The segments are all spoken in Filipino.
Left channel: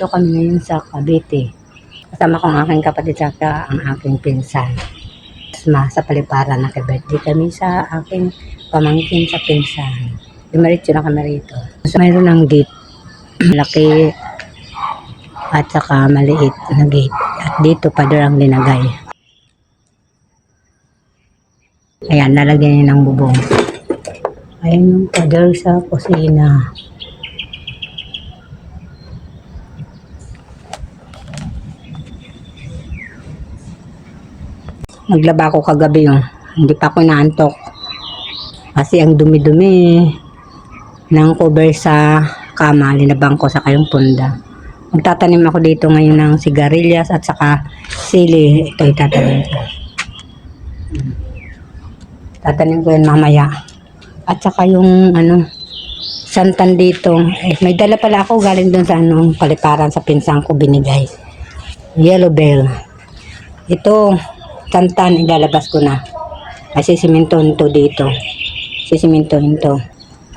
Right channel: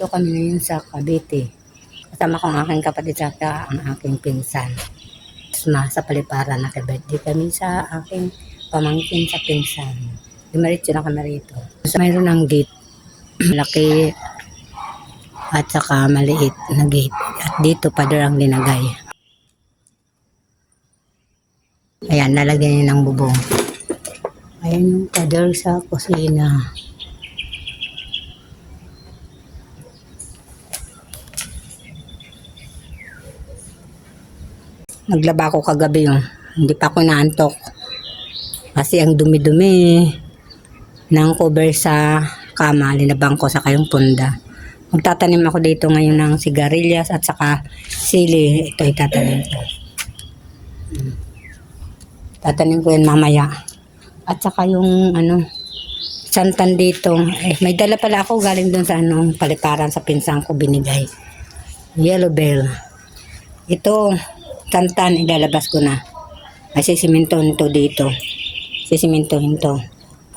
Nandito kami ngayon sa Cavite. Kasama ko ang aking kapatid at ang aking pinsan. Sa Paliparan, nakibirthday kami sa aking pamangkin sa pinsan. Dumaritso na kami rito. Mayroon ng gate. Malaki at saka maliit na gate. At dito pader ang linagay. Ayan, nalagyan niya ng bubong. Ayan yung pader sa kusina. Naglaba ako kagabi yung hindi pa ako naantok. Kasi ang dumi-dumi ng cover sa kama, linabang ko sa kayong punda. Magtatanim ako dito ngayon ng sigarilyas at saka sili. Ito itatanim ko. Tatanim ko yan mamaya. At saka yung santan dito. May dala pala ako galing doon sa Paliparan sa pinsang ko binigay. Yellow bell. Ito, santan, ilalabas ko na. Kasi simintohin to dito. Sisimintohin to.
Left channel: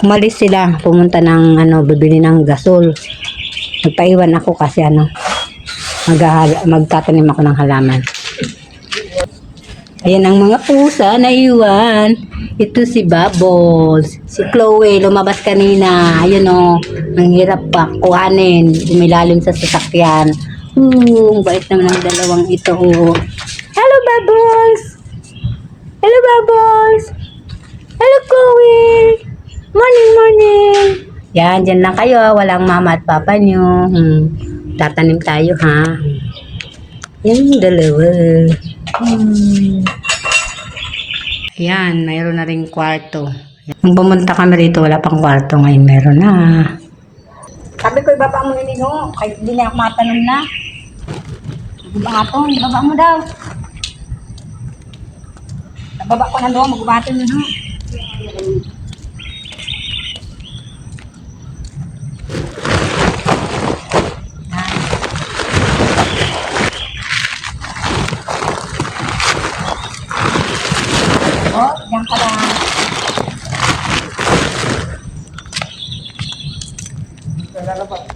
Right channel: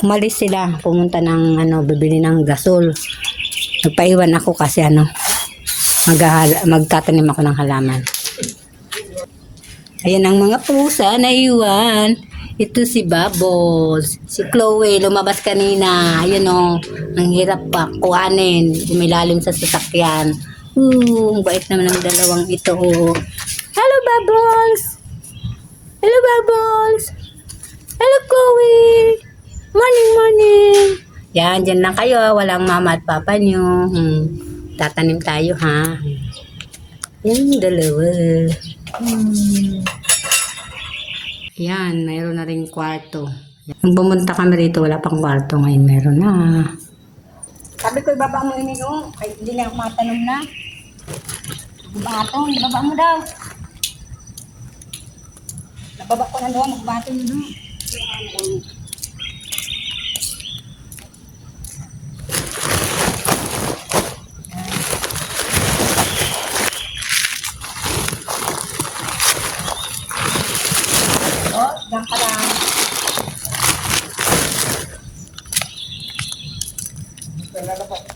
Umalis sila, pumunta ng bibili ng gasol. Nagpaiwan ako kasi magtatanim ako ng halaman. Ayan ang mga pusa na iwan. Ito si Bubbles. Si Chloe, lumabas kanina. Ayun ang hirap pa kuhanin. Umilalim sa sasakyan. Ang bait naman ng dalawang ito. Hello, Bubbles! Hello, Bubbles! Hello, Chloe! Morning, morning! Yan, dyan lang kayo. Walang mama at papa nyo. Tatanim tayo, ha? Yan yung dalawa. Ayan, mayroon na rin kwarto. Nung pumunta kami rito, wala pang kwarto. Ngayon meron na. Sabi ko, ibaba mo yun, kahit hindi na ako matanong na. Magubaton, ibaba mo daw. Nababa ko na doon, magubaton yun, Diyan ka lang. May malaking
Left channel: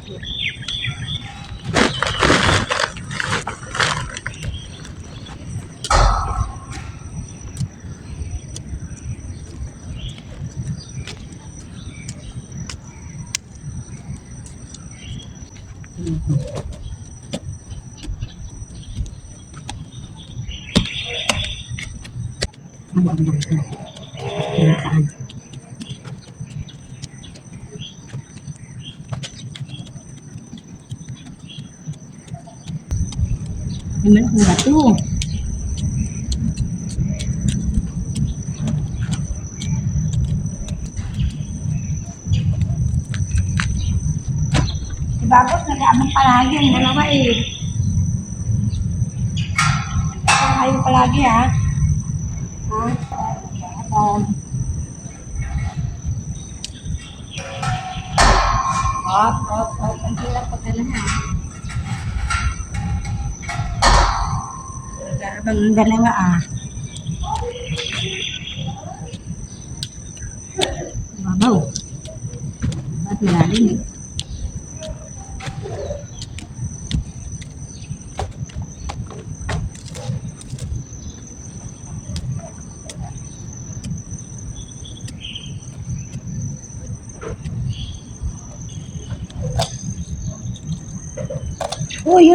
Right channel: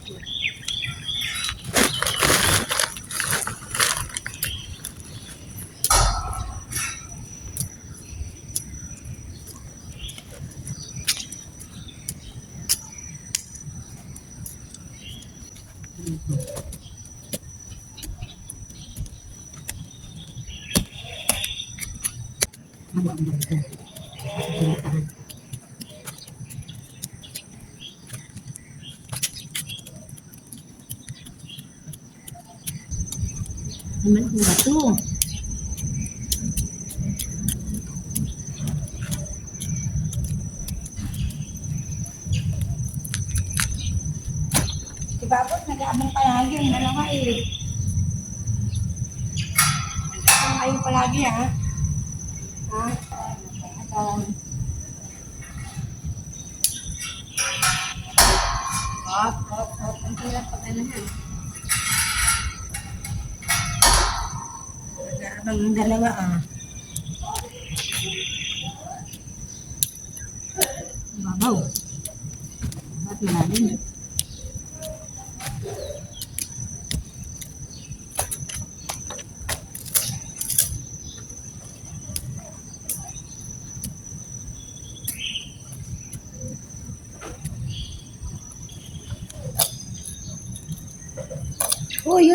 bato. Si Babos nag-aabang palagi yung dalawa Saan kayo palagi ha? Ang hirap pag ha. Nag-aabang ang dalawa Babaw. Ba't malalim Uy.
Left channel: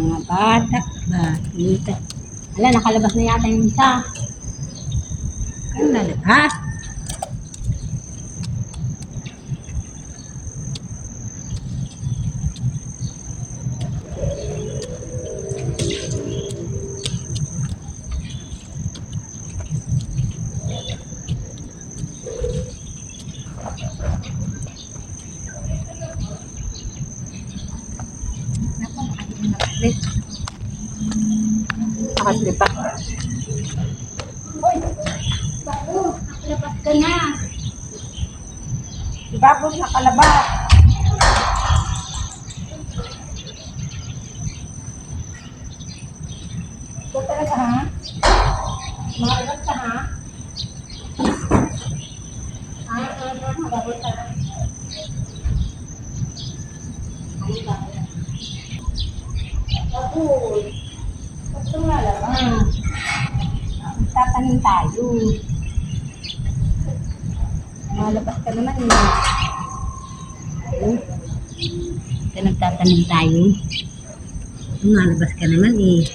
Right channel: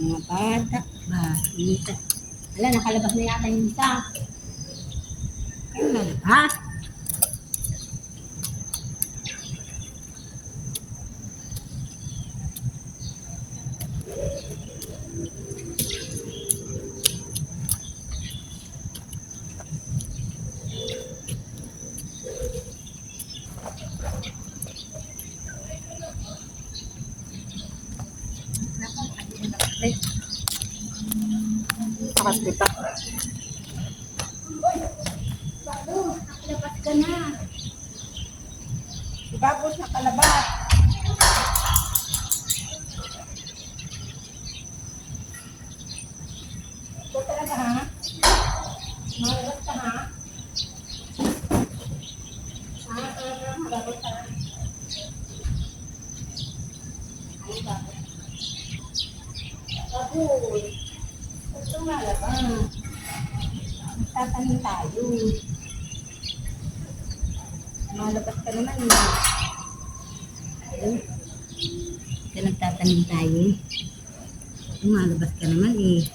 Mga bata ba? Dito. Ala, nakalabas na yata yung isa. Ano lalabas? Nakaslipat. Uy, Babos, nakalabas ka na. Si Babos nakalabas. Ito talaga ha? Makalabas ka ha? Makalabas ka ha? Magtatanim tayo. Malabas ka naman eh. Kaya nagtatanim tayo. Malabas ka naman eh.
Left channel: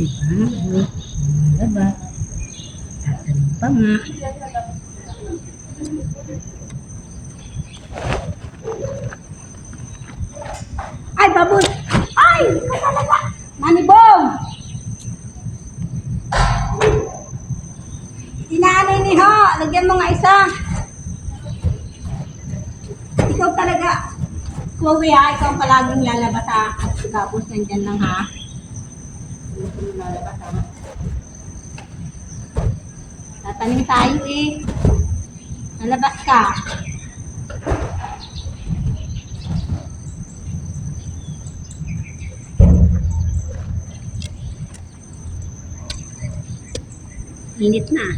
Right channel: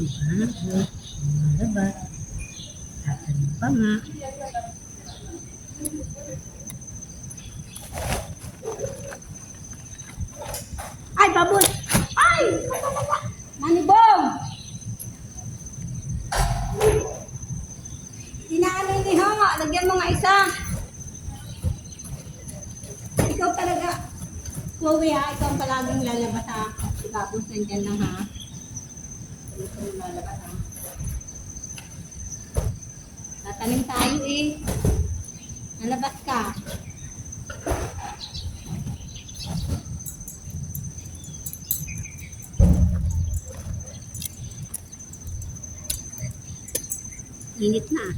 Diba? Malabas. Tatanim pa nga. Ay, baboy! Ay! Kasalaga! Manibong! Inaanay ni ho! Lagyan mo nga isa! Ikaw talaga, Chloe ha, ikaw ang palaging lalabas ha. At tapos nandyan lang ha. Gusto mo lalabas ha. Tatanim tayo eh. Lalabas ka. Init na.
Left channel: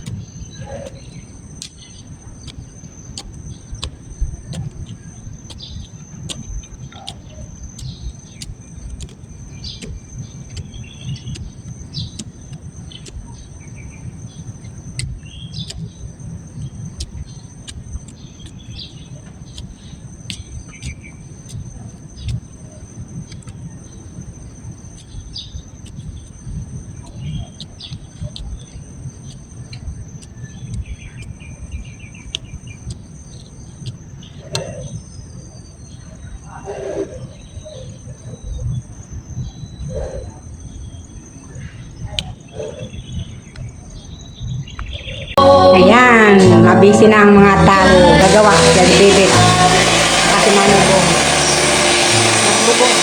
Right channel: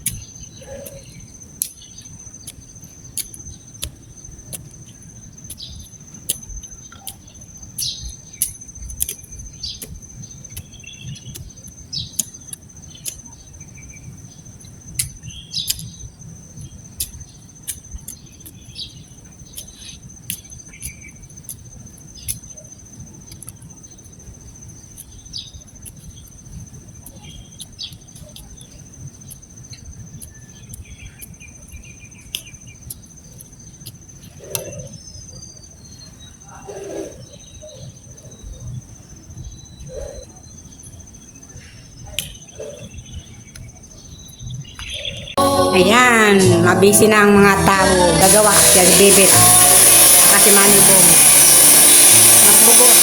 Ayan, mabisi na ang mga talo. Gagawa, gagdedit. Kasi manibong. Nagbubog.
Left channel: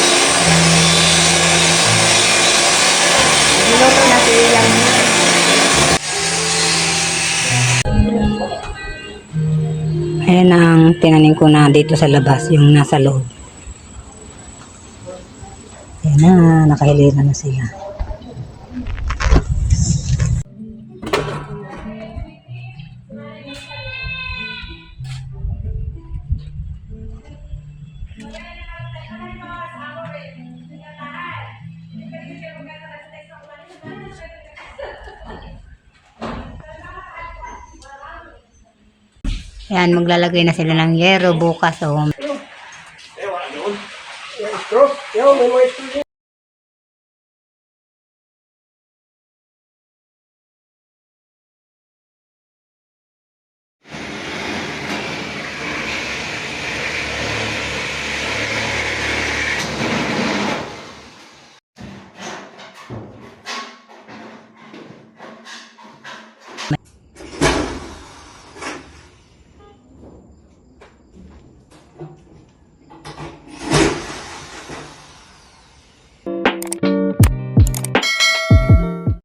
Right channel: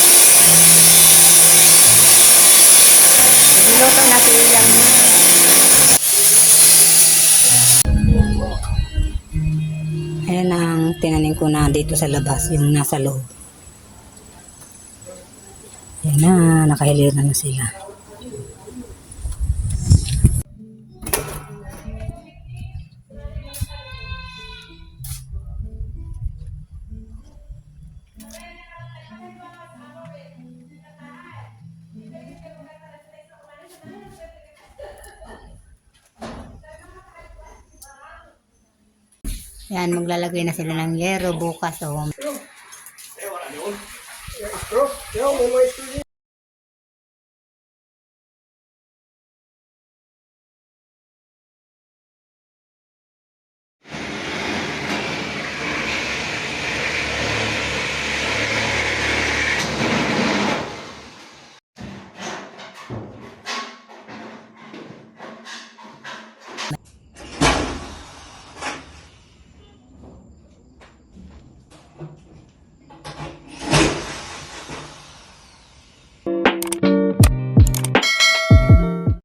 Minuto na silang. Ayan ang tinanim ko na dito sa labas, yung nasa loob. Ayan na, nakahilira na sila. Ayan, maglalagay na sila ng yero bukas. Oh.